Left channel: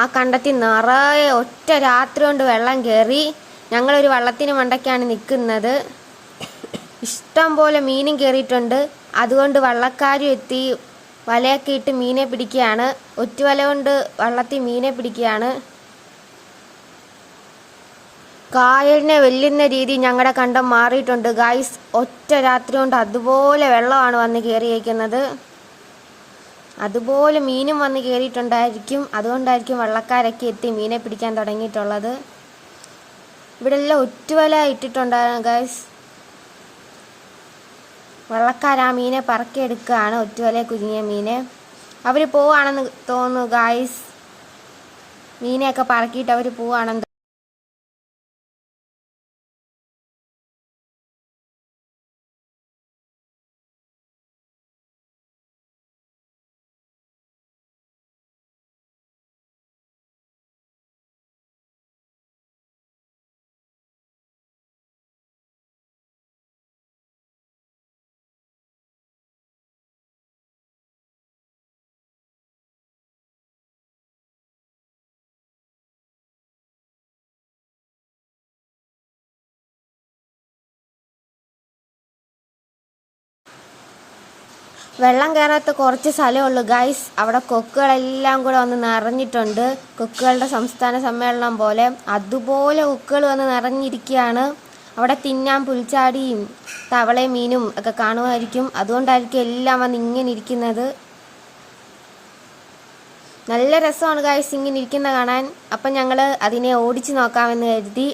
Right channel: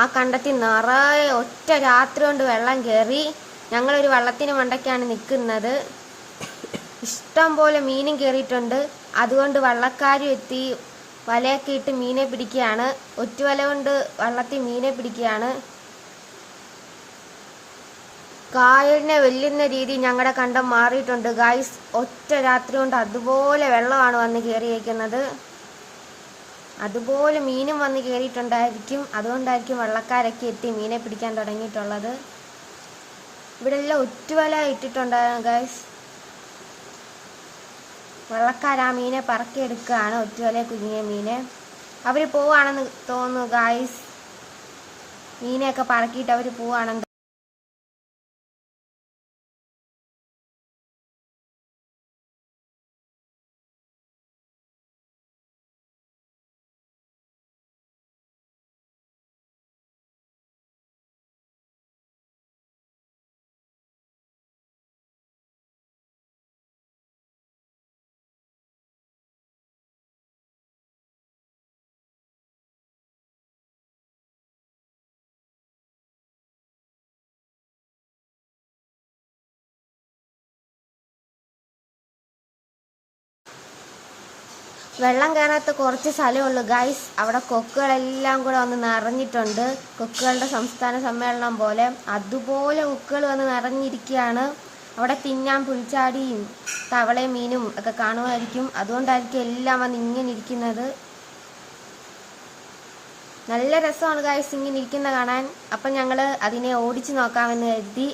ആ കണ്ടത്തിൽ നിറയെ ഒറ്റ രാത്രി കൊണ്ട് വെള്ളം കയറി. ഞങ്ങളൊരു വള്ളത്തിന് മണ്ടയ്ക്കാണ് നിൽക്കുന്നത്. ഇഷ്ടം പോലെ മീനും കയറിയിട്ടുണ്ട്. അതുകൊണ്ട് വള്ളക്കാരും എത്തി വലയൊക്കെ ഇട്ട് മീനെ പിടിക്കുകയാണ്. ഒറ്റുവല കൊണ്ട് വള്ളത്തിൽ മീനെ പിടിക്കുകയാണ്. കായലിനെ വെല്ലുന്ന രീതി ഞങ്ങളുടെ കണ്ടം മാറിയിട്ടുണ്ട് ഗായ്സ്. ഒറ്റ രാത്രി കൊണ്ട് അതുപോലെ വെള്ളമാണ് വന്ന് കയറിയിരിക്കുന്നത്. അതുപോലെ മീനും വന്ന് കയറിയിട്ടുണ്ടായിരിക്കും. അതുകൊണ്ടായിരിക്കും വള്ളക്കാരൊക്കെ എത്തി മീനെ പിടിക്കാൻ തുടങ്ങിയിട്ടുള്ളത്. ഇവിടെ എല്ലാം ഒറ്റുവല ഇട്ടിട്ടുണ്ടായിരുന്നു ഗായ്സ്. വള്ളക്കാർ ആ മീനെ പറക്കിയെടുക്കുകയാണ്, ഒറ്റുവല കുരുങ്ങിയ മീനെ. അവർ പോവാണെന്ന് തോന്നുന്നു ഗായ്സ്. മീനെയൊക്കെ പറക്കിയിട്ട് അവർ പോവാണെന്ന്. വെള്ളം കയറാത്ത കുറച്ച് സ്ഥലമുള്ളൂ ഗൈസ്. അവിടെ കൊക്കുകളെല്ലാം കൂടെ വന്ന് നിറഞ്ഞിട്ടുണ്ട്. കൊക്കുകളുടെ സംസ്ഥാന സമ്മേളനം പോലെ അതുപോലെ കൊക്കുകൾ വന്ന് നിറഞ്ഞിരിക്കുകയാണ്. അവിടെ തിന്നാൻ പുൽച്ചാടിയും തവളയും മീനും ഒക്കെ കാണുമായിരിക്കും. അതുകൊണ്ടായിരിക്കും എല്ലാം വന്ന് ഇങ്ങനെ ഇരിക്കുന്നത്. നല്ല രസമാണ് ഗൈസ് ഇങ്ങനെ ഇരിക്കുന്ന കാണാൻ. അപ്പം ഞങ്ങൾ അതിനെ ഓടിച്ചു നോക്കാമെന്ന് കരുതി.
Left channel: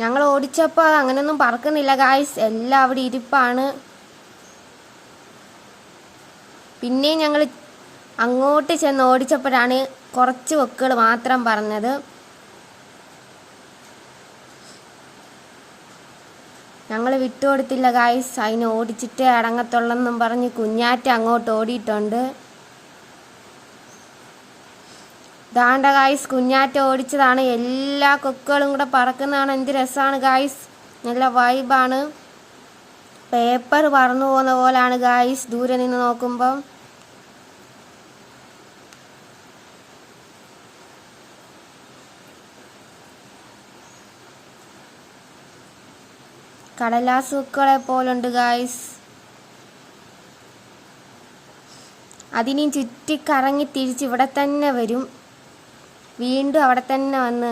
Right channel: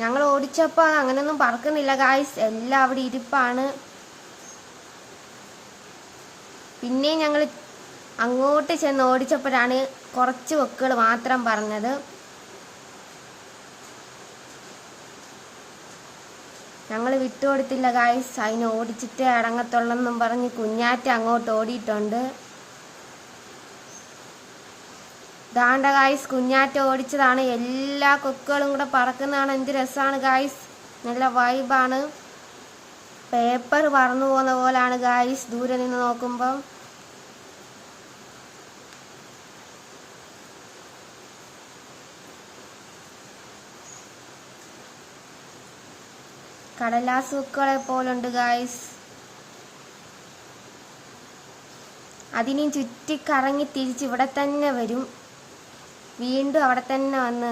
ഞങ്ങൾ ഓടിച്ചപ്പോൾ അങ്ങനെയൊന്നും പറക്കുന്നില്ല ഗായ്സ്. എല്ലാം അവിടെ ഇരിപ്പാണ്. പിന്നെയും ഞങ്ങൾ അങ്ങോട്ട് ചെന്ന് ഓടിച്ചപ്പോഴാണ് കുറച്ച് കൊക്കുകൾ മാത്രം പറഞ്ഞത്. ഞങ്ങൾ വിട്ടുകൊടുത്തില്ല ഗായ്സ്. അതിനെ ഓടിച്ചിട്ടേ അടങ്ങത്തുള്ളെന്നും പറഞ്ഞ് കുഞ്ഞാറ്റ അങ്ങോട്ട് ഓടിയിട്ടുണ്ട്. ദാണ്ട ഗായ്സ്, കുഞ്ഞാറ്റ ഓടിച്ചതാണ്. എല്ലാ കൊക്കുകളും കൂടെ പറക്കുന്നതാണ്. എന്ത് രസമാണ് ഗായ്സ്. നല്ല വൈബാണ്. പേപ്പർ പറന്നു പോകുന്ന പോലാണ് ഗായ്സ് ദൂരെ നിന്ന് നോക്കുമ്പം. കടലാസ് കൊക്കുകളെ പോലുണ്ട് ഗായ്സ്. അതിനെയും ചുറ്റിക്കറങ്ങി തിരിച്ച് ഇവിടെ തന്നെ വരും. വീണ്ടും അവിടെ തന്നെ വന്ന്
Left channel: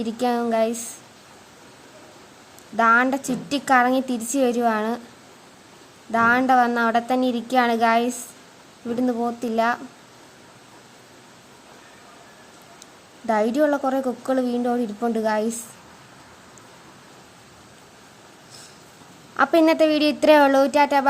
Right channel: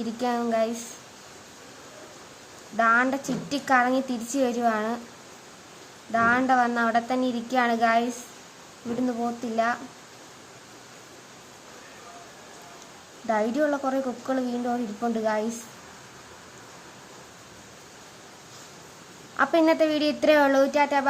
ഇരിക്കാം ഗൈസ്. ദാണ്ട ചുറ്റിക്കറങ്ങി തിരിച്ചു വരുവാണ്. ദാണ്ട വന്ന് അവിടെ തന്നെ ഇരിക്കുകയാണ് ഗൈസ്. ഇവിടുന്ന് പോത്തില്ല. ധൈര്യമുള്ള കുറേ കൊക്കുകൾ വീണ്ടും അവിടെ ഇരിപ്പുണ്ട് ഗൈസ്. അപ്പം ഇന്നത്തെ വീഡിയോ ഇത്രയേ ഉള്ളൂ. ടാറ്റാ.